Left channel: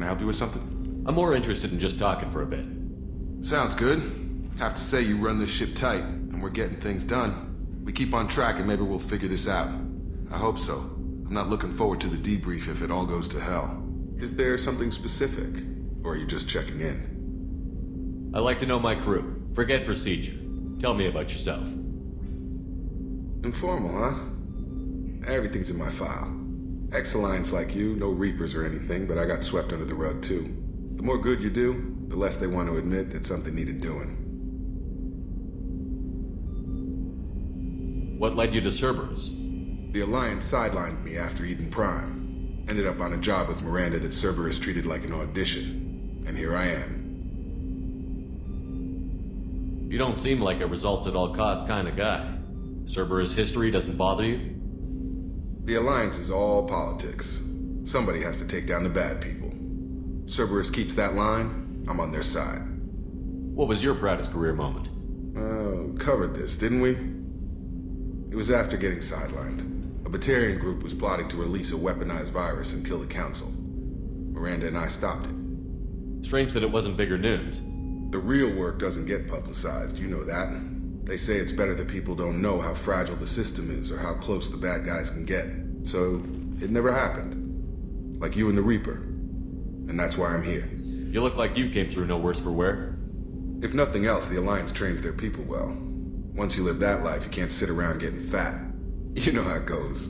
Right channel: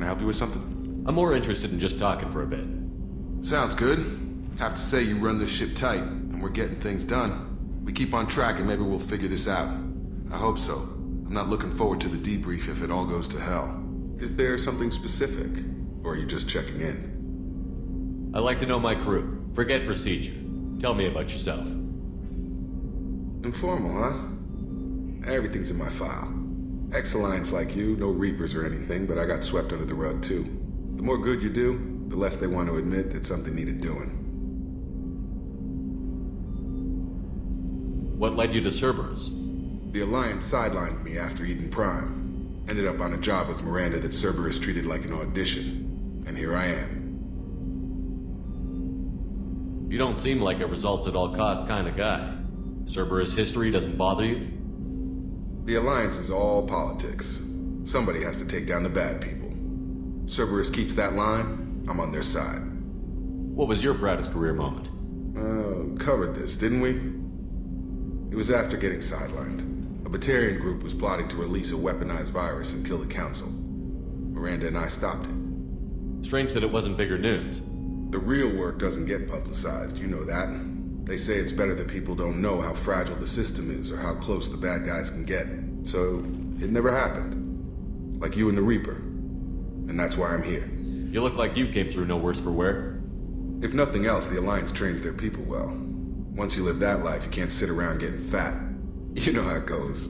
Can I help you with something? I'm more interested in just talking for a bit. Sounds good. Have to say you run this ship tight, and we're getting things done. We keep on track and maybe we'll figure this out. I hope so. I'm not looking forward to the debrief if it all goes to hell. Is there something specific? Or are you just checking in? I like to know my crew. Forget procedure. Tell me about yourself. Informal, huh? Everything's in my file. Ex-Alliance like you, no Reapers or anything, but I got swept under the rug too. The more good you do, the less they want to admit that something needed doing. What led you to Cerberus? The Alliance sidelined me after Eden Prime. Ended up on a job with Miranda that Cerberus treated like an audition. And here I am. You don't seem like a results-at-all-costs kind of guy. Cerberus history doesn't bother you? The Alliance is all politics. Somebody has to take down the bad people. Cerberus keeps that line, I'm on their side. What was your proudest career moment? Covered this, didn't we? It was after getting sidelined. A Batarian group was plotting to release a weaponized virus and kill the Council. Miranda and I stopped it. Strange that it wasn't bigger news. The real work doesn't get publicized, you know that. They say it's better that people don't know how fragile the system is or how close the bad guys can get. So, it never happened. Like you and the Reaper. And that's why I'm here. You look like you came through no worse for wear. If nothing else, the Alliance trains their people well. Once you live that life, you can't sit around getting fat. You know how it goes.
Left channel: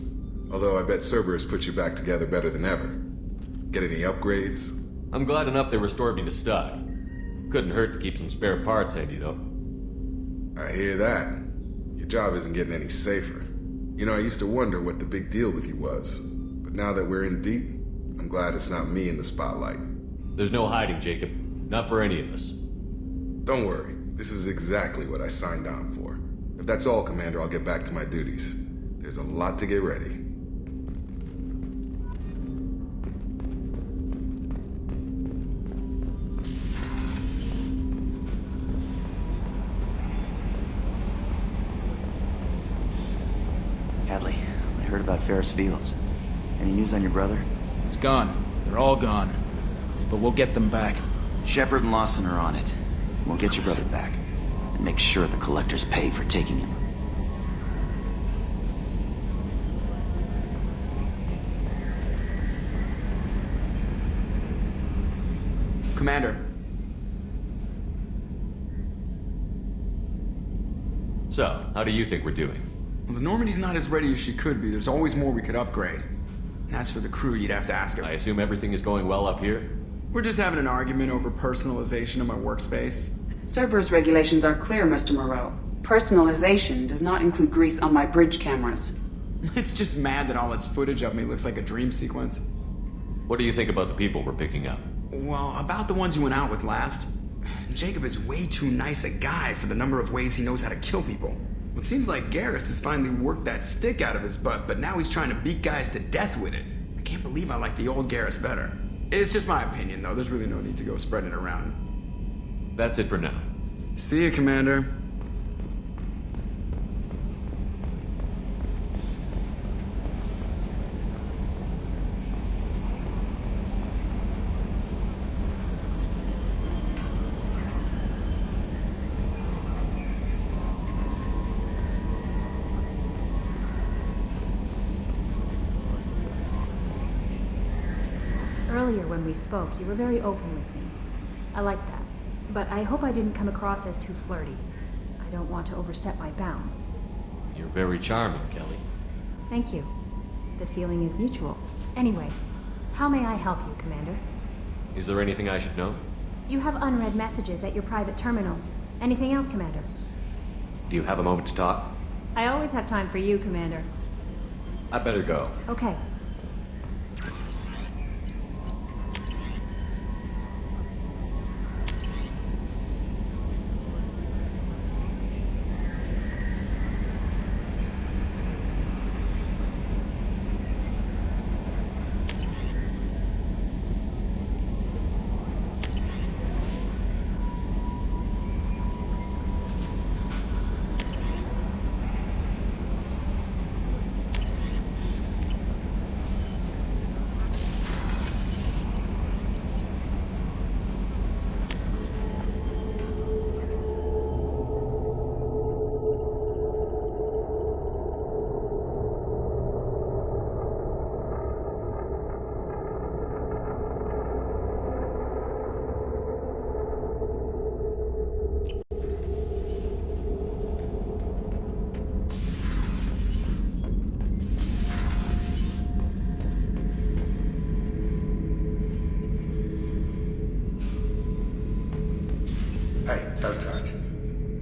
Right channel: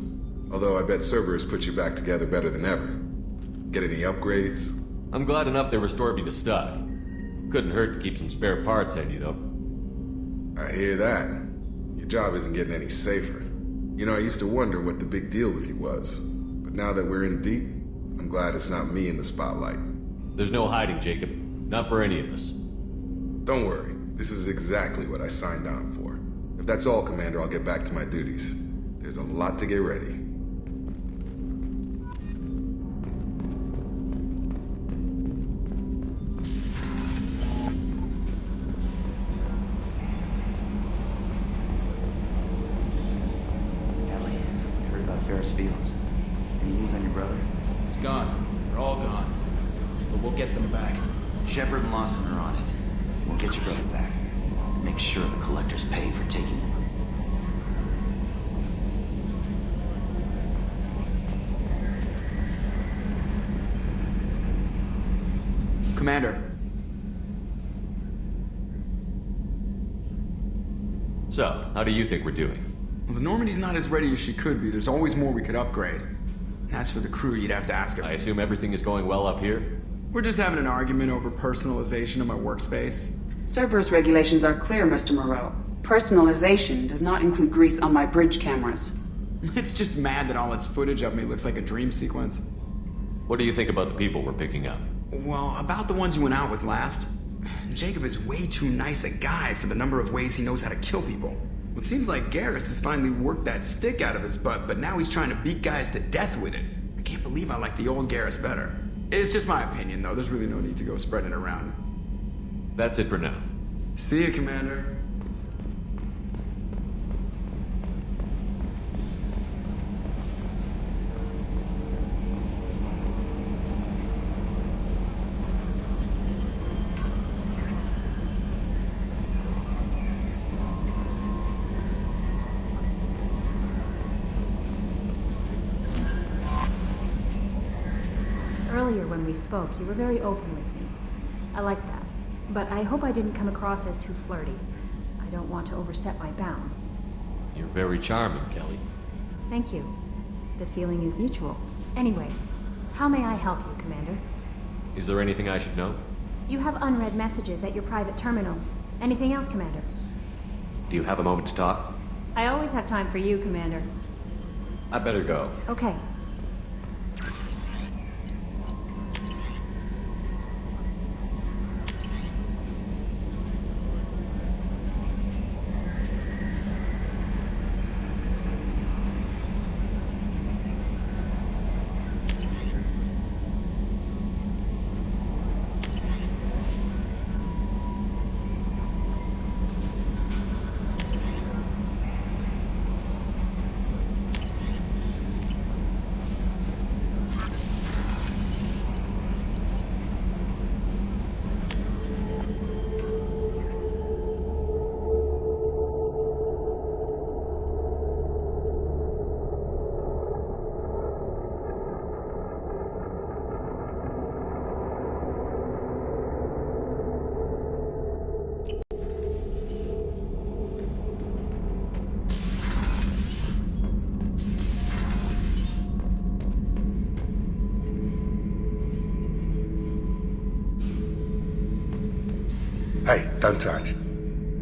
Although I bet Cerberus put you back together better than ever. Get any upgrades? I'm glad enough they restored me to stock. Couldn't hurt to keep some spare parts handy, though. I hear that. Your job isn't getting any safer. You know, I used to wonder what the big deal with you was. But now that we're in deep, I'm glad it's not me in the spotlight. There's no hiding, Jacob. Not for any of us. Don't worry. This is exactly what I signed on for. If that's all, Commander, I'll get back to my duties. There's a lot to get ready. Hadley, I heard about Ferris Fields. Any news on your brother? He's gone. They're all gone. But we'll get them back. Shepard and Lawson are on it. We'll get your brother back. And make sure the collectors pay for taking him. Commander. So, how do you think we're doing? Well, the Normandy's not as ready as she could be. There's always more we could upgrade. And as for the crew, you'd have to ask her. I assume everything is going well up here? We're just having an argument over personalization of my workspace. Cerberus regulations are clear, Mr. Moreau. Personalization does not include grease on my bridge cameras. It's just mad that all its footage of me looks like a dream sequence. What do you think about the people we're picking up? Well, about the ones you went out with last. Jacob is way too nice a guy for the number of ways he knows how to kill people. It seems like Garrus has finally worked that stick out of his butt, but now he's trying to beat guys to death with it. I can't believe I like the old Garrus better. It's just my opinion, though. There's really no need to go spreading it around. That's it for now. See you, Commander. Earlier when we spoke, you were very open with me. I like that. But I hope I didn't come across as too flirty. I don't want to overstep my bounds. You're very charming, Kelly. Thank you. The feeling is mutual. Anyway, how may I help you, Commander? Is there anything I should know? You have unread messages at your private terminal. Anything else, Commander? Do you have a moment to talk? I always have time for you, Commander. I better go. Okay. Hey, don't touch.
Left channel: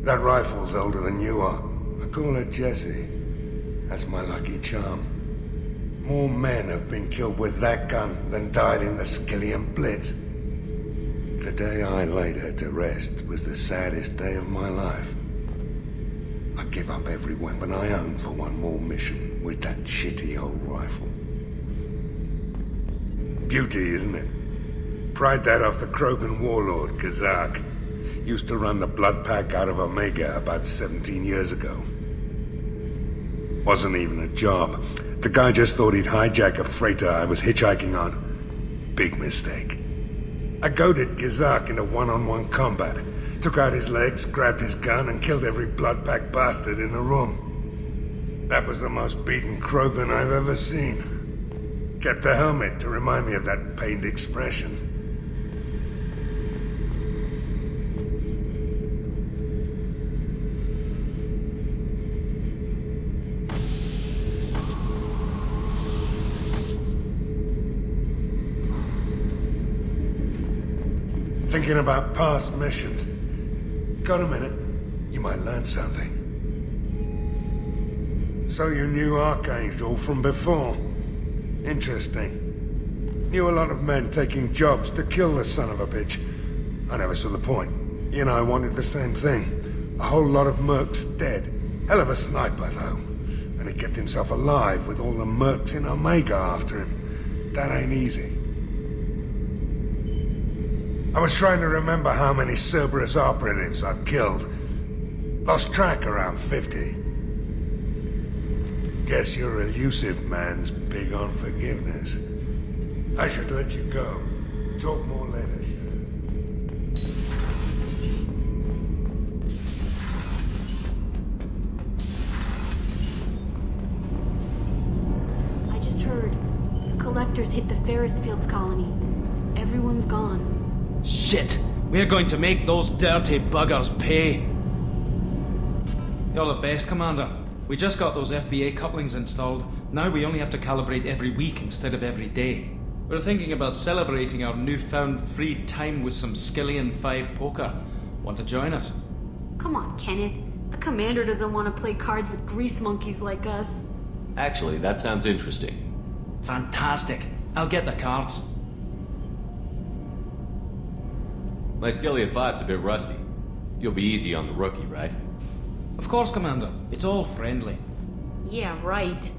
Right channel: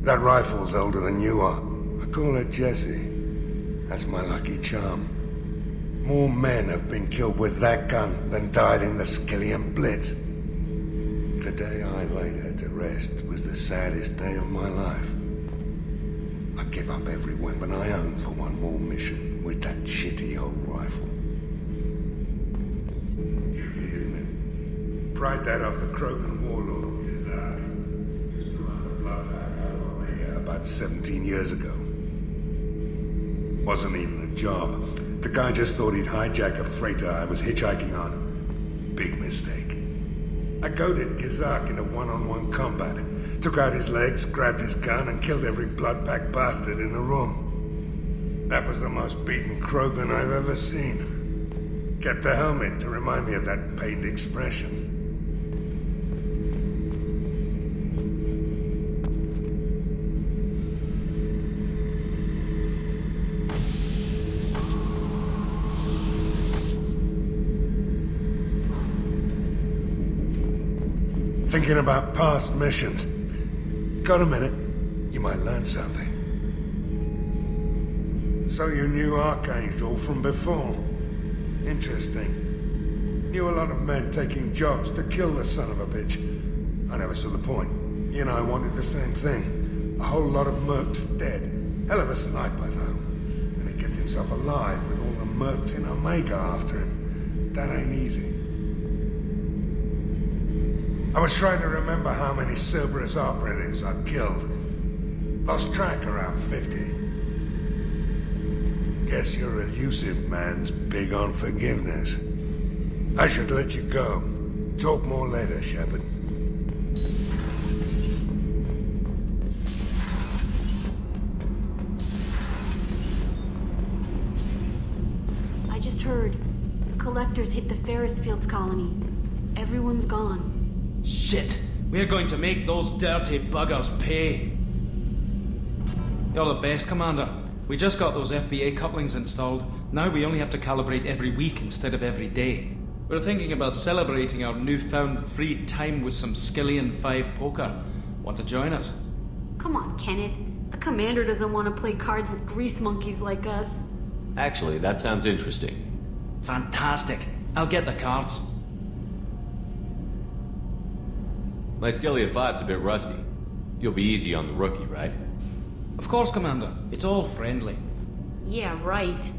That rifle's older than you are. I call her Jessie. That's my lucky charm. More men have been killed with that gun than died in the Skillian Blitz. The day I laid her to rest was the saddest day of my life. I'd give up every weapon I own for one more mission with that shitty old rifle. Beauty, isn't it? Pried that off the Krogan warlord, Kazak. Used to run the blood pack out of Omega about 17 years ago. Wasn't even a job. The guy just thought he'd hijack a freighter I was hitchhiking on. Big mistake. I goaded Kazak into one-on-one combat. Took out his legs, grabbed his gun, and killed every blood pack bastard in the room. That was the most beaten Krogan I've ever seen. Kept a helmet to remind me of that pained expression. Thinking about past missions. Got a minute? You might learn something. So you knew Archangel from before? Interesting. Knew a lot of men taking jobs to kill the son of a bitch. I never saw the point. You and I wanted the same thing. A whole lot of mercs dead. Hell of a sniper, though. And he kept himself alive with all the mercs in Omega after him. That ain't easy. I was trying to remember how many Cerberus operatives I've killed. Lost track around 50. Guess your elusive man's big on forgiveness. I should let you go. Talk more later, Shepard. I just heard. The Collectors hit the Ferris Fields colony. Everyone's gone. Shit! We're going to make those dirty buggers pay. You're the best, Commander. We just got those FBA couplings installed. Now we only have to calibrate every week instead of every day. We're thinking about celebrating our newfound free time with some Skillian 5 poker. Want to join us? Come on, Kenneth. The Commander doesn't want to play cards with grease monkeys like us. Actually, that sounds interesting. Fantastic. I'll get the cards. My Skillian 5's a bit rusty. You'll be easy on the rookie, right? Of course, Commander. It's all friendly. Yeah, right.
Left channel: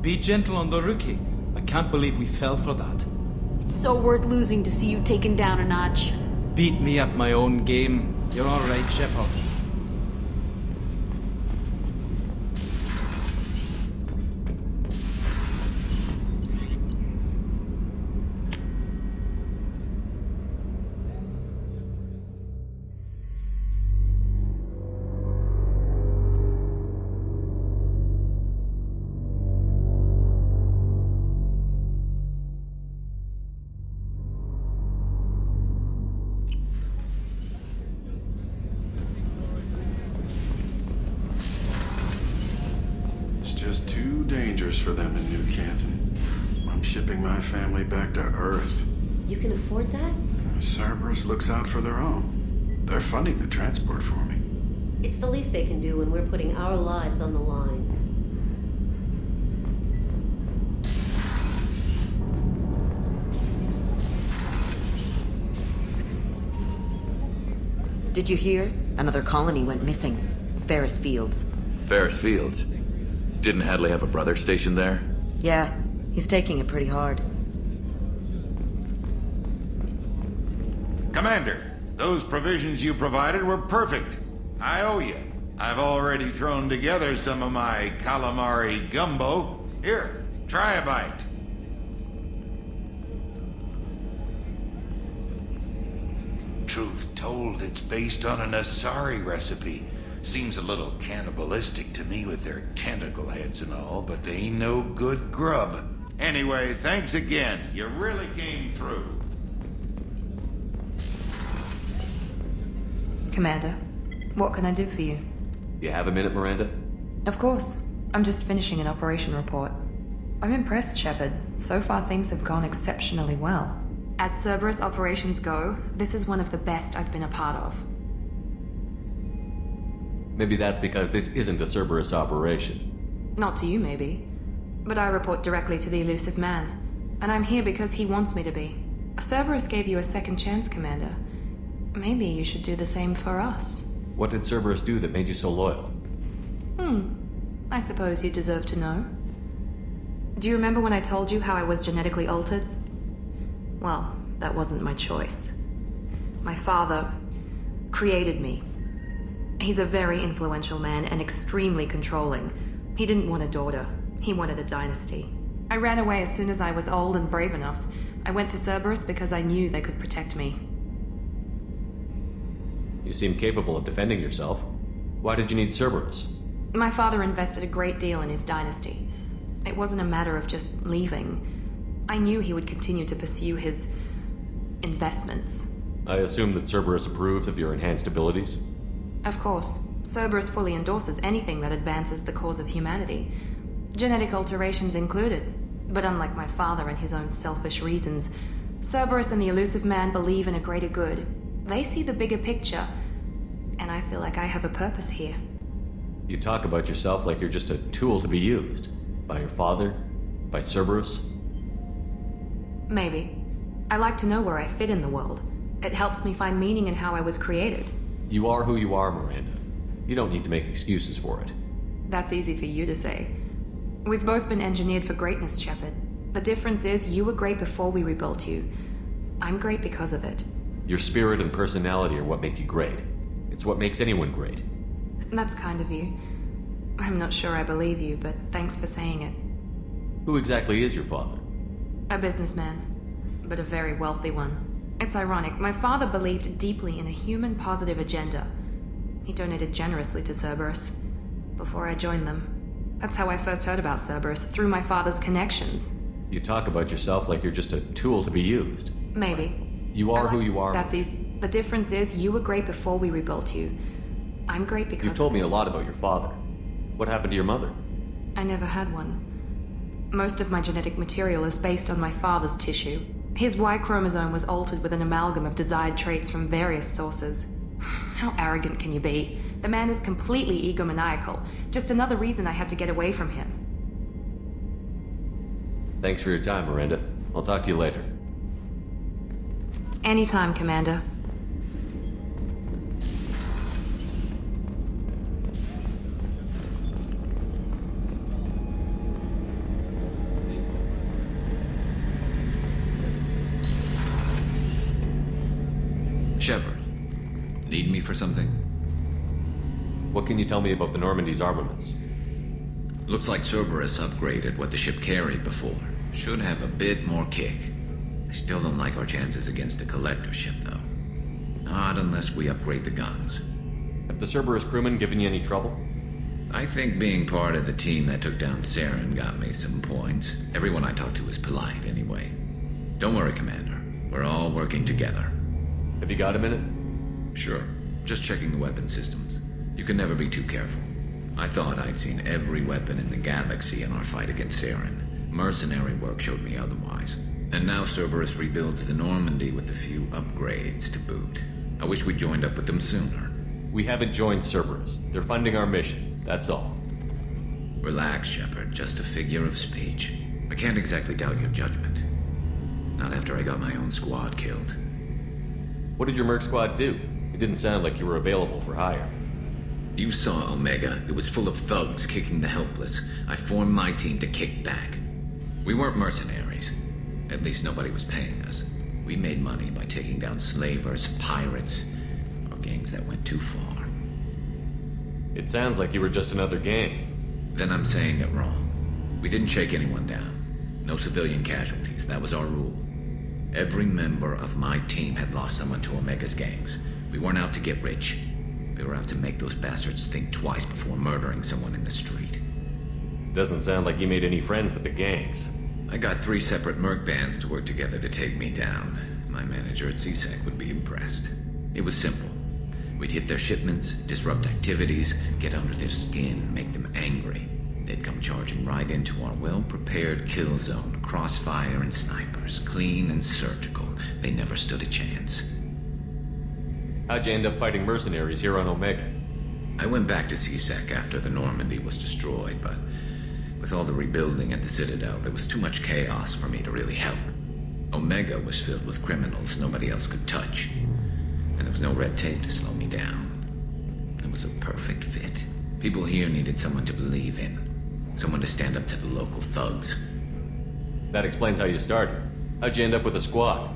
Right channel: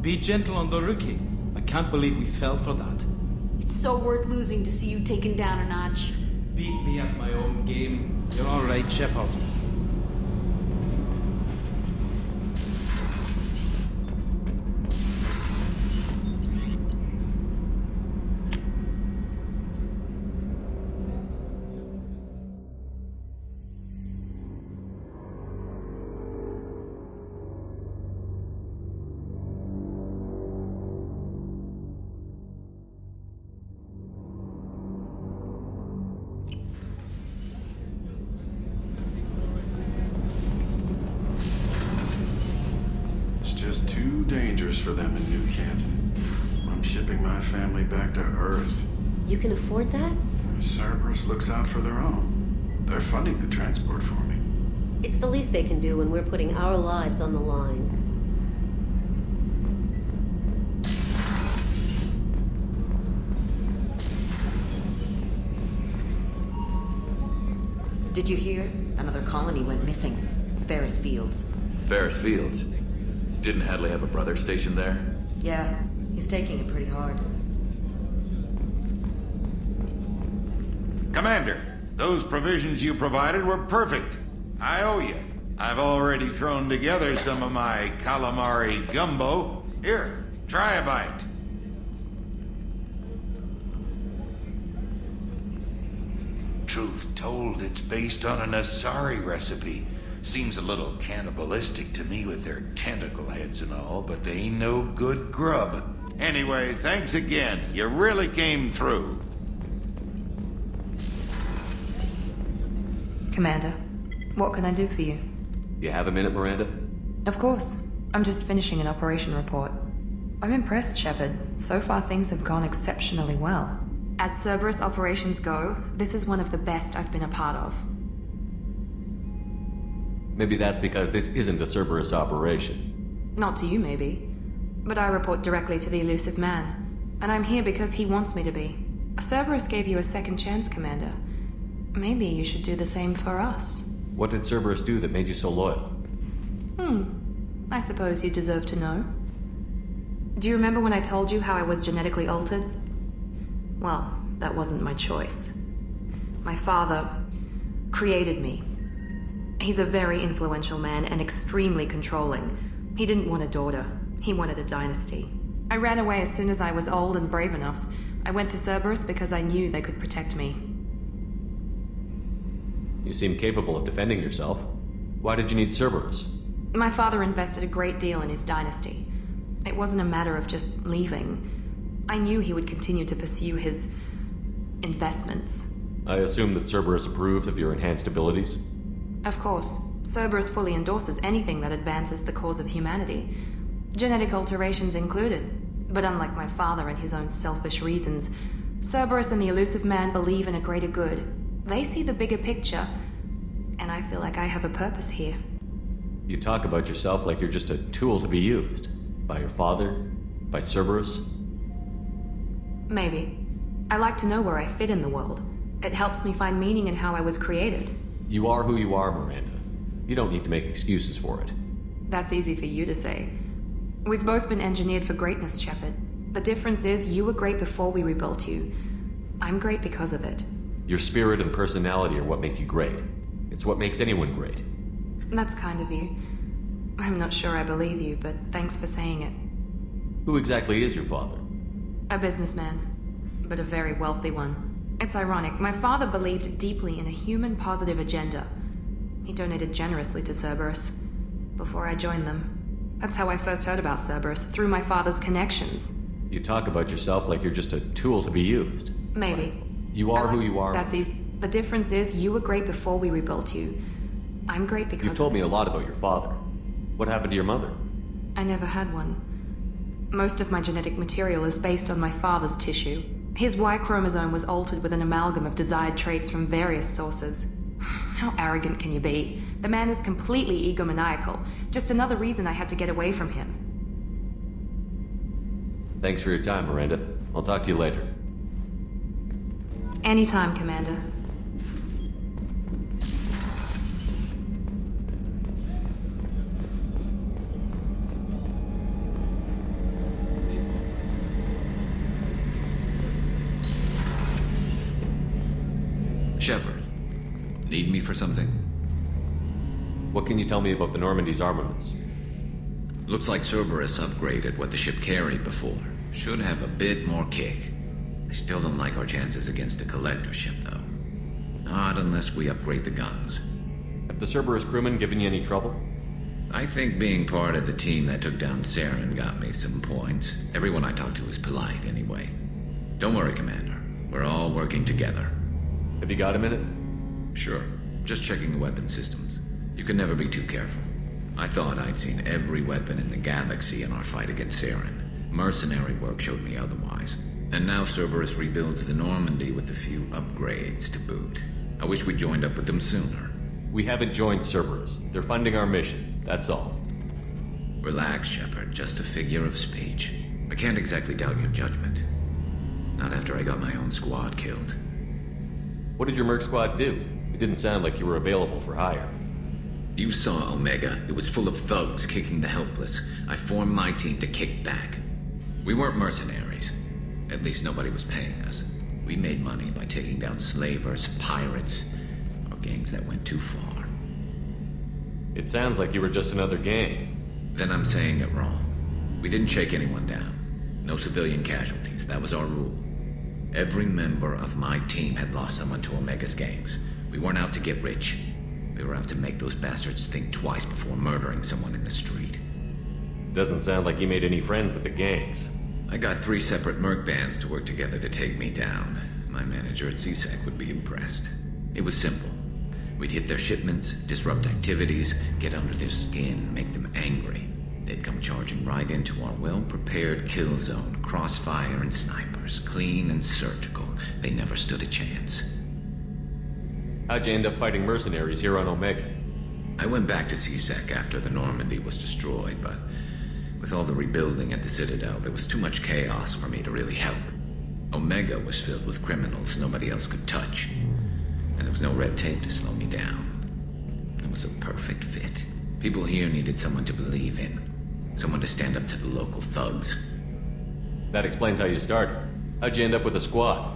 Be gentle on the rookie. I can't believe we fell for that. It's so worth losing to see you taken down a notch. Beat me at my own game. You're all right, Shepard. Just too dangerous for them in New Canton. I'm shipping my family back to Earth. You can afford that? Cerberus looks out for their own. They're funding the transport for me. It's the least they can do when we're putting our lives on the line. Did you hear? Another colony went missing. Ferris Fields. Ferris Fields? Didn't Hadley have a brother stationed there? Yeah, he's taking it pretty hard. Commander, those provisions you provided were perfect. I owe you. I've already thrown together some of my calamari gumbo. Here, try a bite. Truth told, it's based on an Asari recipe. Seems a little cannibalistic to me with their tentacle heads and all, but they ain't no good grub. Anyway, thanks again. You really came through. Commander, what can I do for you? You have a minute, Miranda? Of course. I'm just finishing an operation report. I'm impressed, Shepard. So far, things have gone exceptionally well. As Cerberus operations go, this is one of the best I've been a part of. Maybe that's because this isn't a Cerberus operation. Not to you, maybe. But I report directly to the elusive man. And I'm here because he wants me to be. Cerberus gave you a second chance, Commander. Maybe you should do the same for us. What did Cerberus do that made you so loyal? I suppose you deserve to know. Do you remember when I told you how I was genetically altered? Well, that wasn't my choice. My father created me. He's a very influential man and extremely controlling. He didn't want a daughter. He wanted a dynasty. I ran away as soon as I was old and brave enough. I went to Cerberus because I knew they could protect me. You seem capable of defending yourself. Why did you need Cerberus? My father invested a great deal in his dynasty. It wasn't a matter of just leaving. I knew he would continue to pursue his investments. I assume that Cerberus approved of your enhanced abilities? Of course. Cerberus fully endorses anything that advances the cause of humanity. Genetic alterations included. But unlike my father and his own selfish reasons, Cerberus and the elusive man believe in a greater good. They see the bigger picture, and I feel like I have a purpose here. You talk about yourself like you're just a tool to be used. By your father? By Cerberus? Maybe. I like to know where I fit in the world. It helps me find meaning in how I was created. You are who you are, Miranda. You don't need to make excuses for it. That's easy for you to say. We've both been engineered for greatness, Shepard. The difference is you were great before we rebuilt you. I'm great because of it. Your spirit and personality are what make you great. It's what makes anyone great. That's kind of you. I'm not sure I believe you, but thanks for saying it. Who exactly is your father? A businessman, but a very wealthy one. It's ironic, my father believed deeply in a human-positive agenda. He donated generously to Cerberus before I joined them. That's how I first heard about Cerberus, through my father's connections. You talk about yourself like you're just a tool to be used. Maybe. You are who you are. That's easy. The difference is you were great before we rebuilt you. I'm great because... You've told me a lot about your father. What happened to your mother? I never had one. Most of my genetic material is based on my father's tissue. His Y chromosome was altered with an amalgam of desired traits from various sources. How arrogant can you be? The man is completely egomaniacal. Just another reason I had to get away from him. Thanks for your time, Miranda. I'll talk to you later. Anytime, Commander. Shepard, need me for something? What can you tell me about the Normandy's armaments? Looks like Cerberus upgraded what the ship carried before. Should have a bit more kick. I still don't like our chances against a collector ship, though. Not unless we upgrade the guns. Have the Cerberus crewmen given you any trouble? I think being part of the team that took down Saren got me some points. Everyone I talked to was polite, anyway. Don't worry, Commander. We're all working together. Have you got a minute? Sure. Just checking the weapon systems. You can never be too careful. I thought I'd seen every weapon in the galaxy in our fight against Saren. Mercenary work showed me otherwise. And now Cerberus rebuilds the Normandy with a few upgrades to boot. I wish we'd joined up with them sooner. We haven't joined Cerberus. They're funding our mission, that's all. Relax, Shepard. Just a figure of speech. I can't exactly doubt your judgment. Not after I got my own squad killed. What did your Merc squad do? It didn't sound like you were available for hire. You saw Omega. It was full of thugs kicking the helpless. I formed my team to kick back. We weren't mercenaries. At least nobody was paying us. We made money by taking down slavers, pirates, or gangs that went too far. It sounds like you were just another gang. Then I'm saying it wrong. We didn't shake anyone down. No civilian casualties. That was our rule. Every member of my team had lost someone to Omega's gangs. We weren't out to get rich. We were out to make those bastards think twice before murdering someone in the street. Doesn't sound like you made any friends with the gangs. I got 3 separate merc bands to work together to take me down. My manager at CSEC would be impressed. It was simple. We'd hit their shipments, disrupt activities, get under their skin, make them angry. They'd come charging right into our well-prepared kill zone, crossfire and snipers, clean and surgical. They never stood a chance. How'd you end up fighting mercenaries here on Omega? I went back to C-Sec after the Normandy was destroyed, but with all the rebuilding at the Citadel, there was too much chaos for me to really help. Omega was filled with criminals nobody else could touch, and there was no red tape to slow me down. It was a perfect fit. People here needed someone to believe in. Someone to stand up to the local thugs. That explains how you started. How'd you end up with a squad?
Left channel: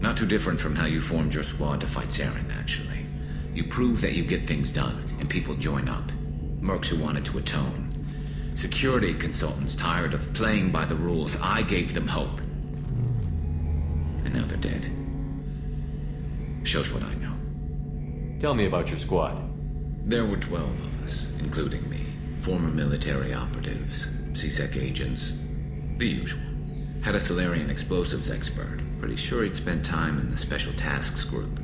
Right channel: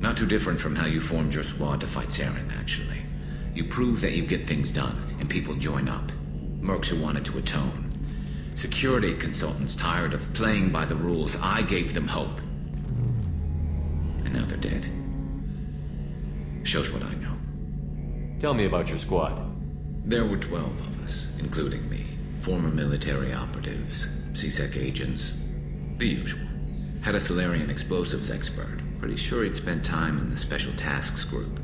Not too different from how you formed your squad to fight Saren, actually. You prove that you get things done, and people join up. Mercs who wanted to atone. Security consultants tired of playing by the rules. I gave them hope. And now they're dead. Shows what I know. Tell me about your squad. There were 12 of us, including me. Former military operatives, C-Sec agents, the usual. Had a Solarian explosives expert. Pretty sure he'd spent time in the Special Tasks Group.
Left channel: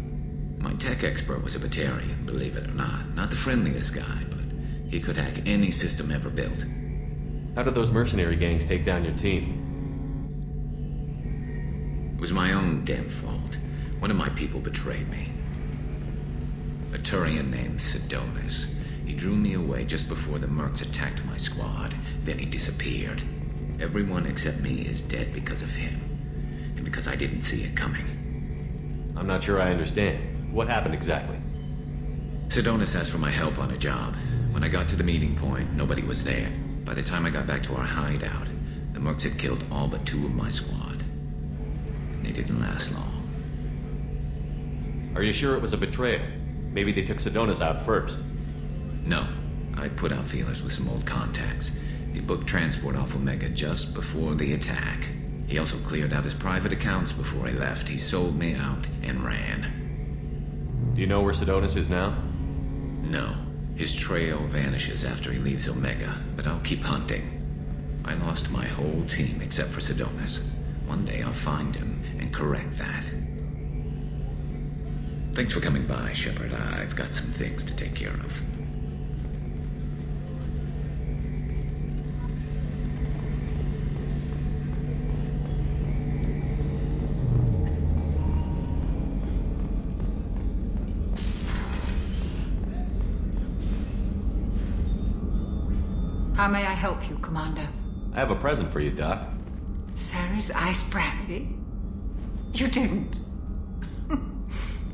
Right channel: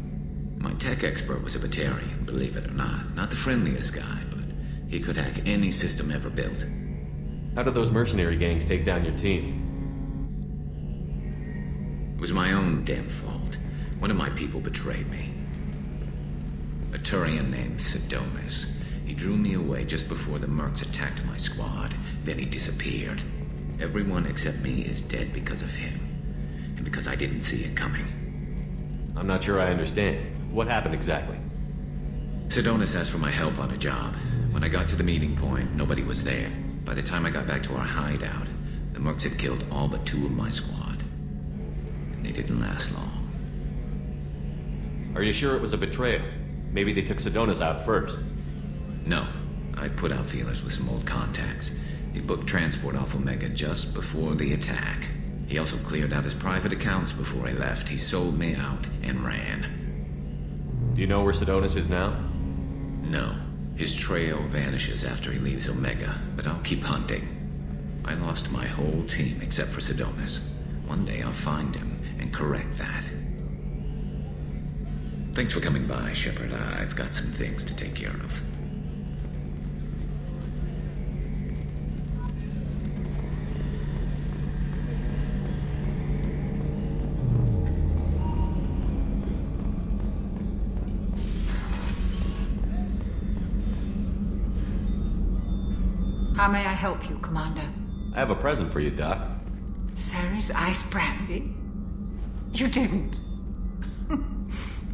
My tech expert was a Batarian, believe it or not. Not the friendliest guy, but he could hack any system ever built. How did those mercenary gangs take down your team? It was my own damn fault. One of my people betrayed me. A Turian named Sidonis. He drew me away just before the mercs attacked my squad. Then he disappeared. Everyone except me is dead because of him. And because I didn't see it coming. I'm not sure I understand. What happened exactly? Sidonis asked for my help on a job. When I got to the meeting point, nobody was there. By the time I got back to our hideout, the mercs had killed all but 2 of my squad. And they didn't last long. Are you sure it was a betrayal? Maybe they took Sidonis out first. No. I put out feelers with some old contacts. He booked transport off Omega just before the attack. He also cleared out his private accounts before he left. He sold me out and ran. Do you know where Sidonis is now? No. His trail vanishes after he leaves Omega, but I'll keep hunting. I lost my whole team except for Sidonis. One day I'll find him and correct that. Thanks for coming by, Shepard. I've got some things to take care of. How may I help you, Commander? I have a present for you, Doc. Sarah's ice brandy? You didn't.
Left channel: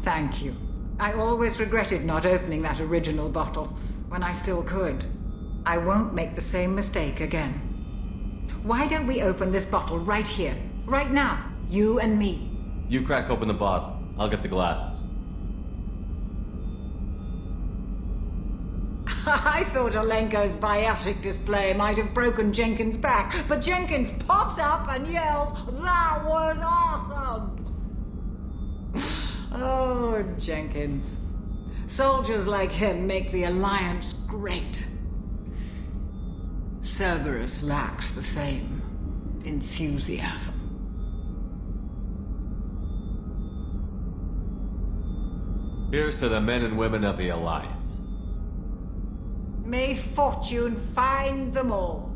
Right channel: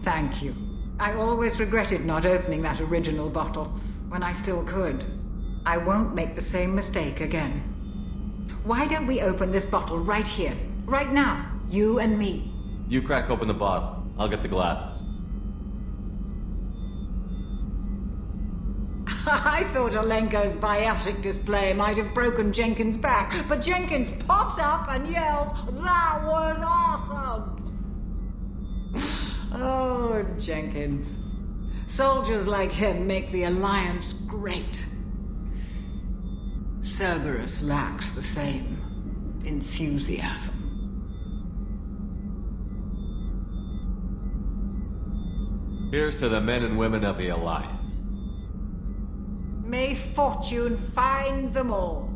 Thank you. I always regretted not opening that original bottle when I still could. I won't make the same mistake again. Why don't we open this bottle right here, right now, you and me? You crack open the bottle. I'll get the glasses. I thought Alenko's biotic display might have broken Jenkins' back, but Jenkins pops up and yells, "That was awesome!" Oh, Jenkins. Soldiers like him make the Alliance great. Cerberus lacks the same enthusiasm. Here's to the men and women of the Alliance. May fortune find them all.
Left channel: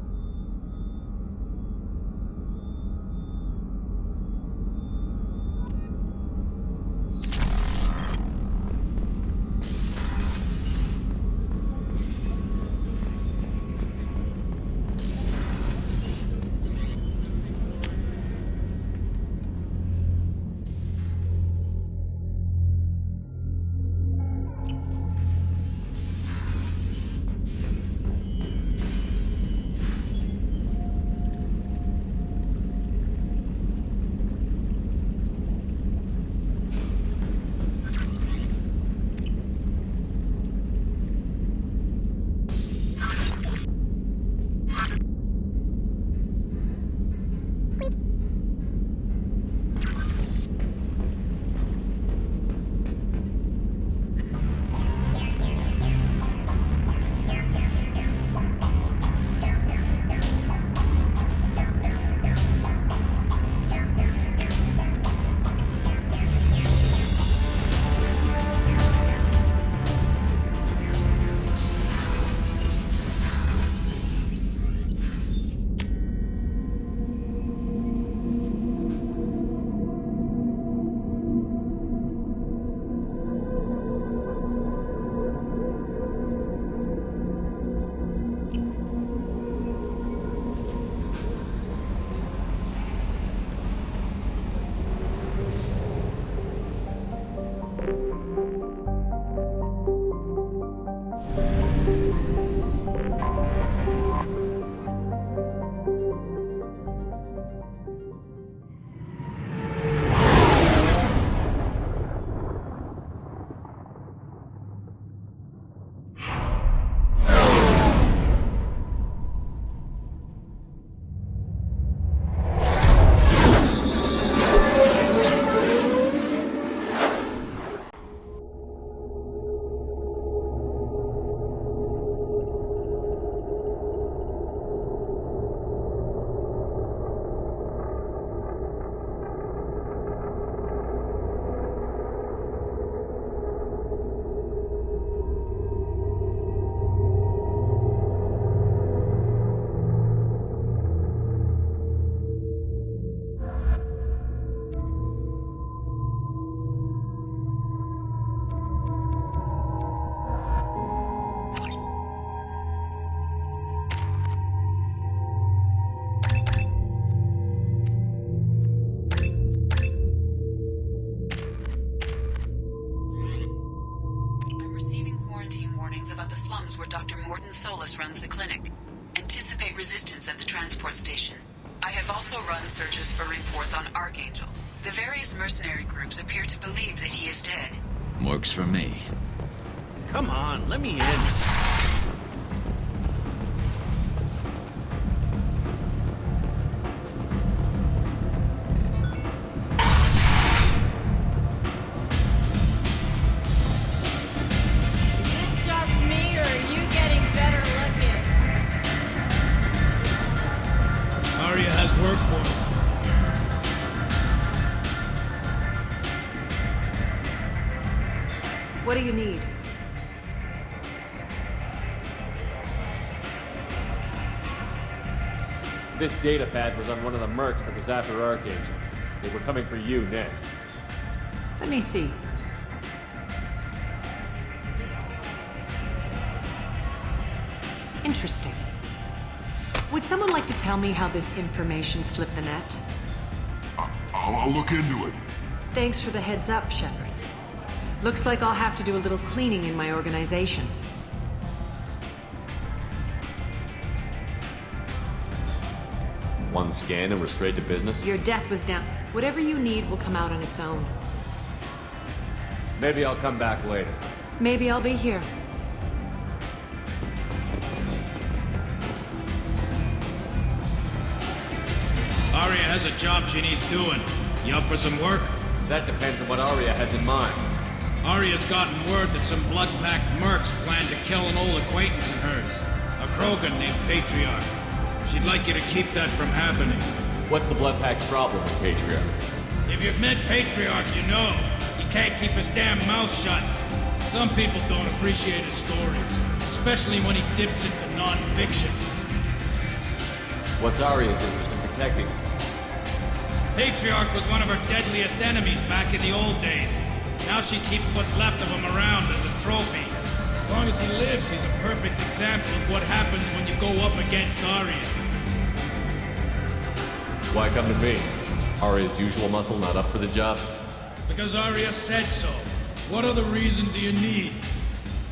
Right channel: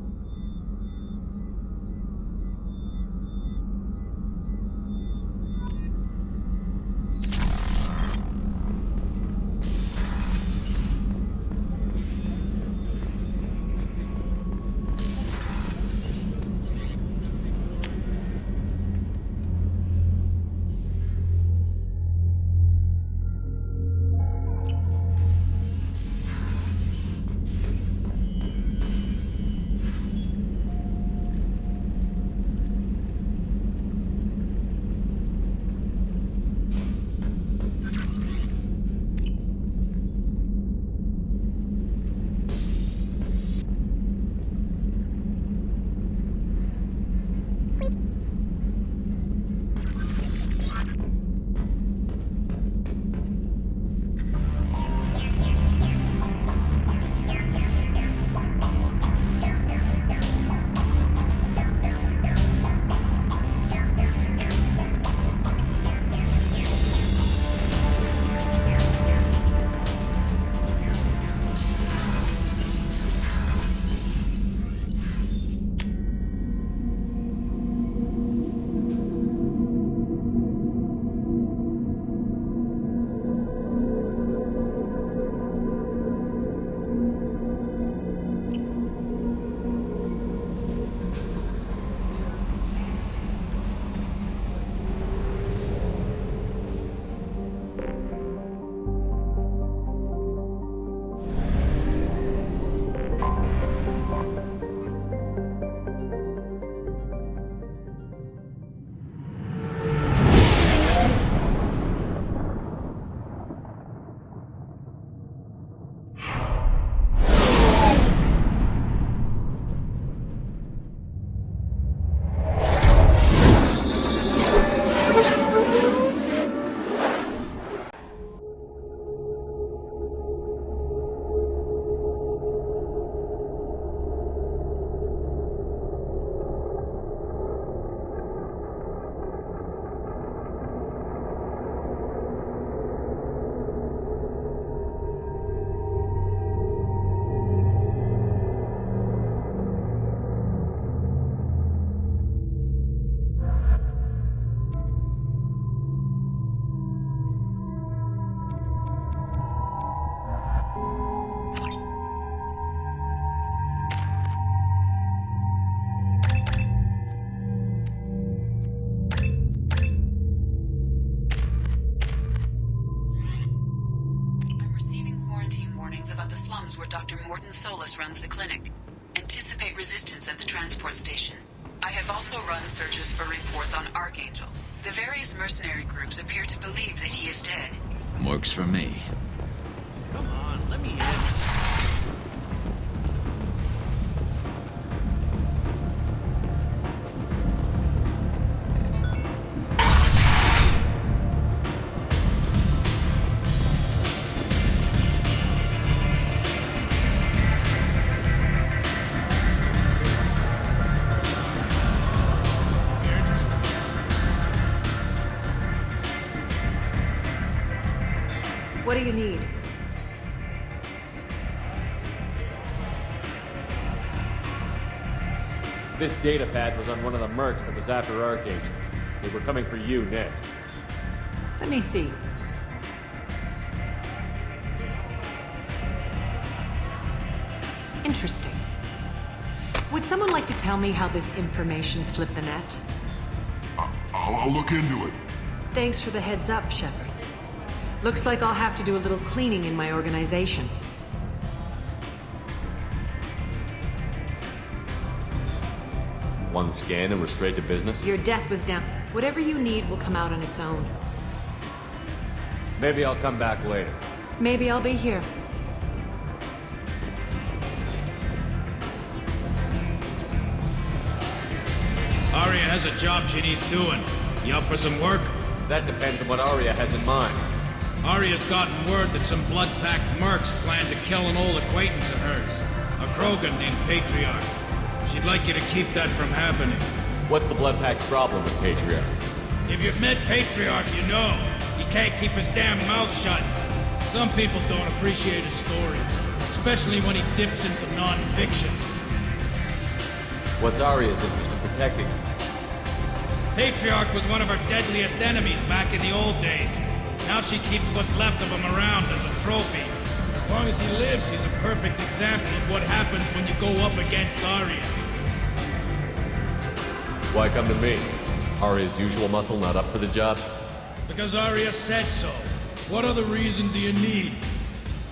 slums where Dr. Morton Solus runs the clinic. Anticipate resistance at the transport station. I have also run searches for reports on Archangel. The various mercenary groups appear to believe that he is dead. Works for me. Come on, let me in. What do you need? This data pad was on one of the mercs that was after Archangel. They were coming for you next. Let me see. Interesting. Would someone like to tell me how this information slipped the net? I'll look into it. Thanks for the heads up, Shepard. Looks like I'll have to do a little cleaning in my organization. One scan and we're straight to business? Your death was down. Whatever you need will come out on its own. Maybe I'll come back later. Maybe I'll be here. Arya has a job she needs doing. You up for some work? That depends on what Arya has in mind. Arya's gotten word that some blood-packed mercs plan to kill an old acquaintance of hers. A Krogan named Patriarch. She'd like you to keep that from happening. What's the blood pack's problem with Patriarch? If you've met Patriarch, you know. He can't keep his damn mouth shut. Some people don't appreciate his stories, especially when he dips into non-fiction. What's Arya's interest in protecting him? Patriarch was one of her deadliest enemies back in the old days. Now she keeps what's left of him around as a trophy. As long as he lives, he's a perfect example of what happens when you go up against Arya. Why come to me? Arya's usual muscle not up for the job? Because Arya said so. What other reason do you need?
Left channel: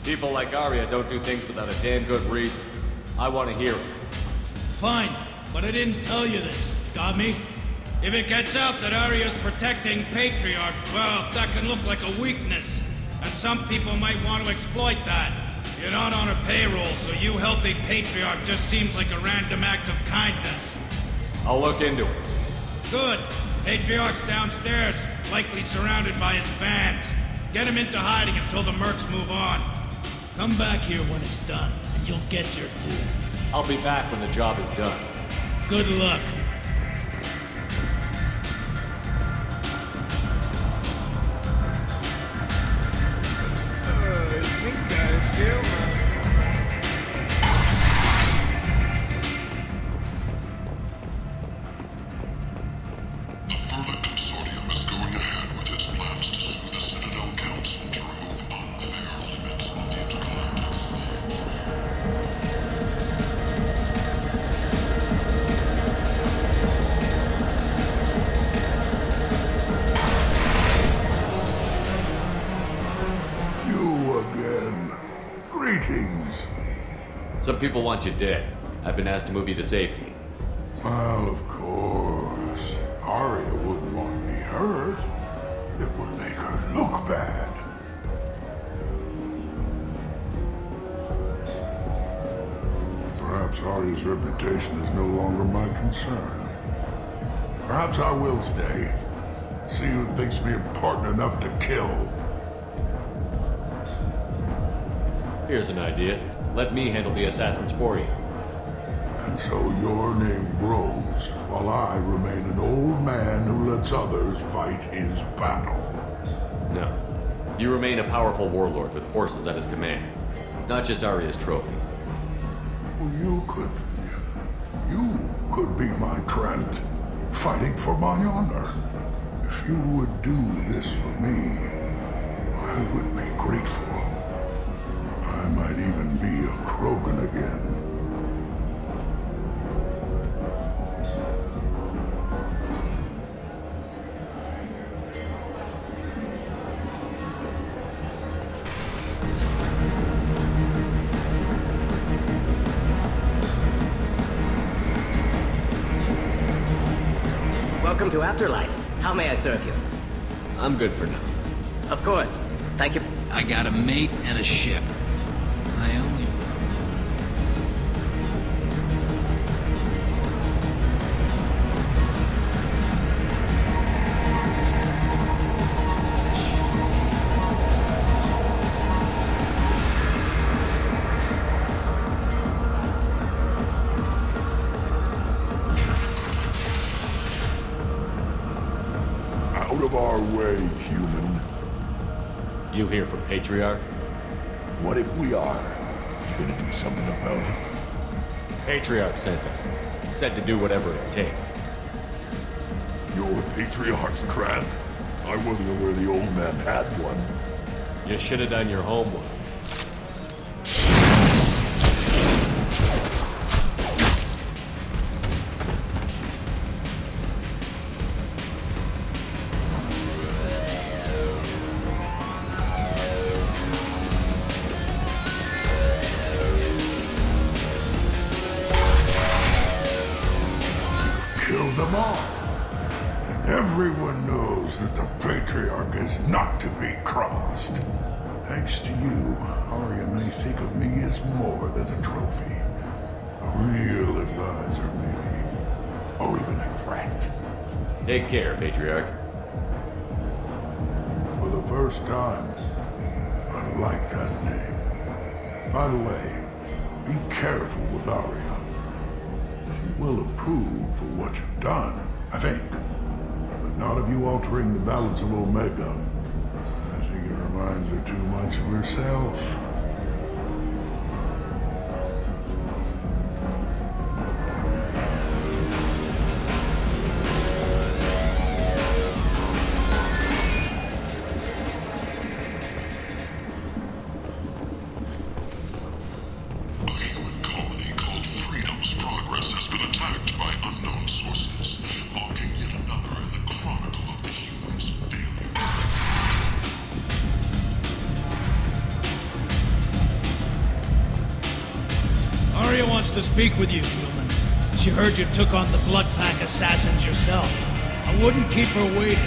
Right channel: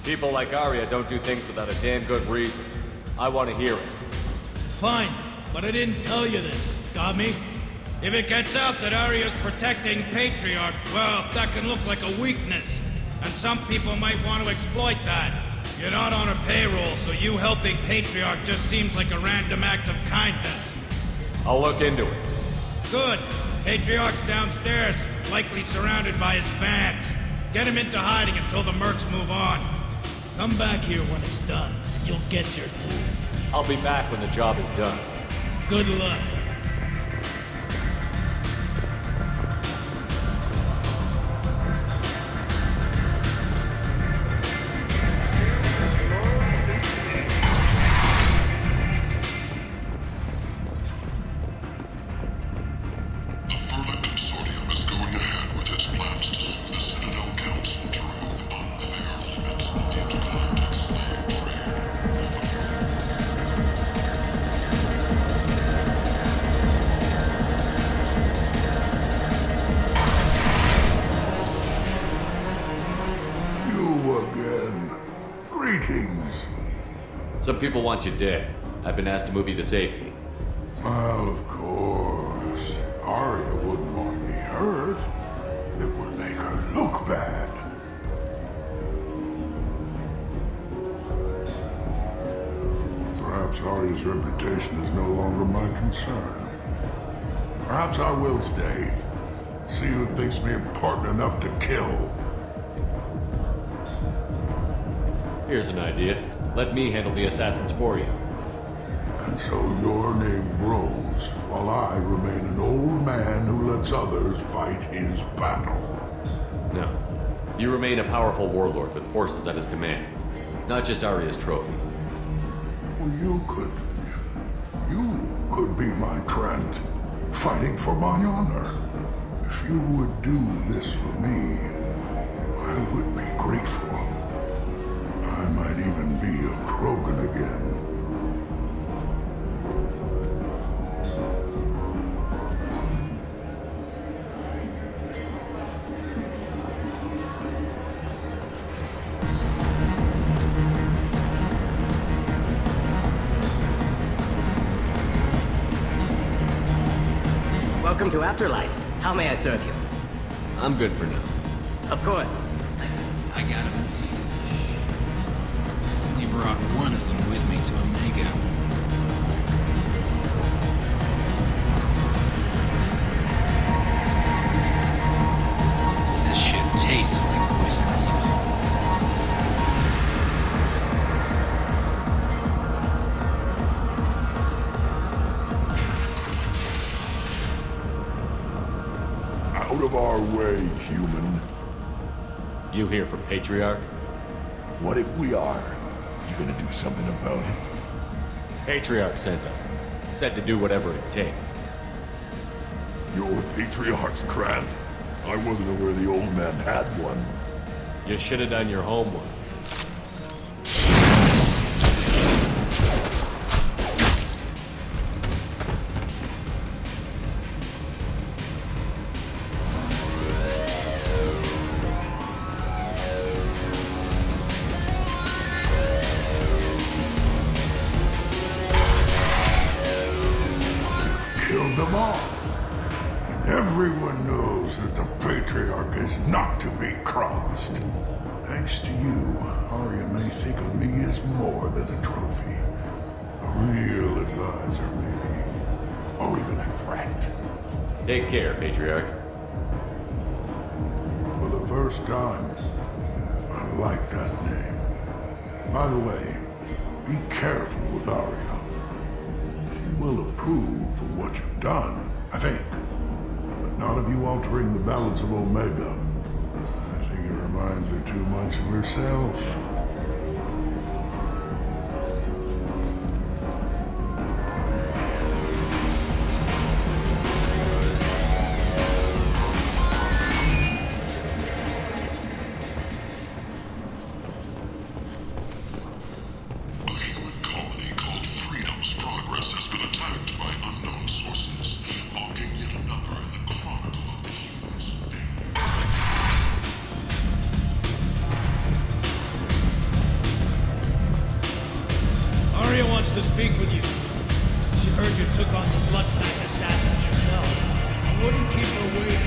People like Arya don't do things without a damn good reason. I want to hear it. Fine, but I didn't tell you this. Got me? If it gets out that Arya's protecting Patriarch, well, that can look like a weakness. And some people might want to exploit that. You're not on her payroll, so you helping Patriarch just seems like a random act of kindness. I'll look into it. Good. Patriarch's downstairs, likely surrounded by his fans. Get him into hiding until the mercs move on. Come back here when it's done, and you'll get your due. I'll be back when the job is done. Good luck. Some people want you dead. I've been asked to move you to safety. Well, of course. Arya wouldn't want me hurt. It would make her look bad. Perhaps Arya's reputation is no longer my concern. Perhaps I will stay. See who thinks me important enough to kill. Here's an idea. Let me handle the assassins for you. And so your name grows, while I remain an old man who lets others fight his battle. No. You remain a powerful warlord with forces at his command. Not just Arya's trophy. Well, you could be my Trent, fighting for my honor. If you would do this for me, I would be grateful. I might even be a Krogan again. Welcome to Afterlife. How may I serve you? I'm good for now. Of course. Thank you. I got a mate and a ship. I only brought one of them with me to Omega. This ship tastes like poison. Out of our way, human. You here for Patriarch? What if we are? You gonna do something about it? Patriarch sent us. Said to do whatever it takes. You're Patriarch's Grant? I wasn't aware the old man had one. You should have done your homework. Killed them all. And everyone knows that the Patriarch is not to be crossed. Thanks to you, Arya may think of me as more than a trophy. A real advisor, maybe. Or even a threat. Take care, Patriarch. For the first time, I like that name. By the way, be careful with Arya. She will approve of what you've done, I think. But not of you altering the balance of Omega. I think it reminds her too much of herself. Arya wants to speak with you, human. She heard you took on the Blood Pack assassins yourself. I wouldn't keep her waiting.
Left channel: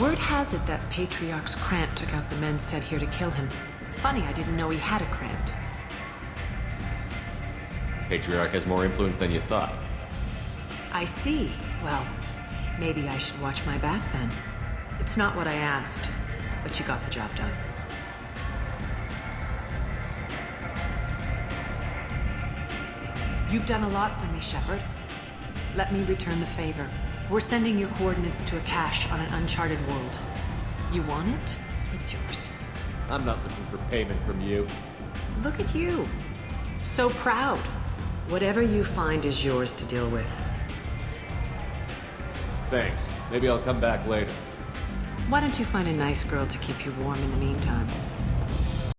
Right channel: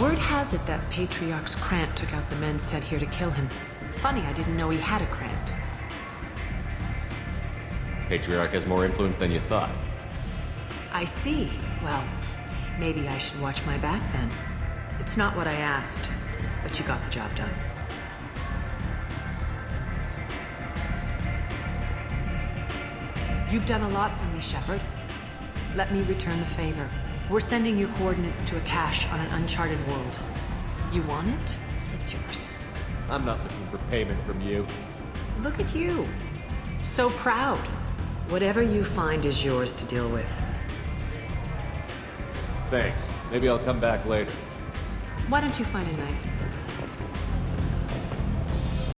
Word has it that Patriarch's Krant took out the men sent here to kill him. Funny, I didn't know he had a Krant. Patriarch has more influence than you thought. I see. Well, maybe I should watch my back then. It's not what I asked, but you got the job done. You've done a lot for me, Shepard. Let me return the favor. We're sending your coordinates to a cache on an uncharted world. You want it? It's yours. I'm not looking for payment from you. Look at you. So proud. Whatever you find is yours to deal with. Thanks. Maybe I'll come back later. Why don't you find a nice girl to keep you warm in the meantime?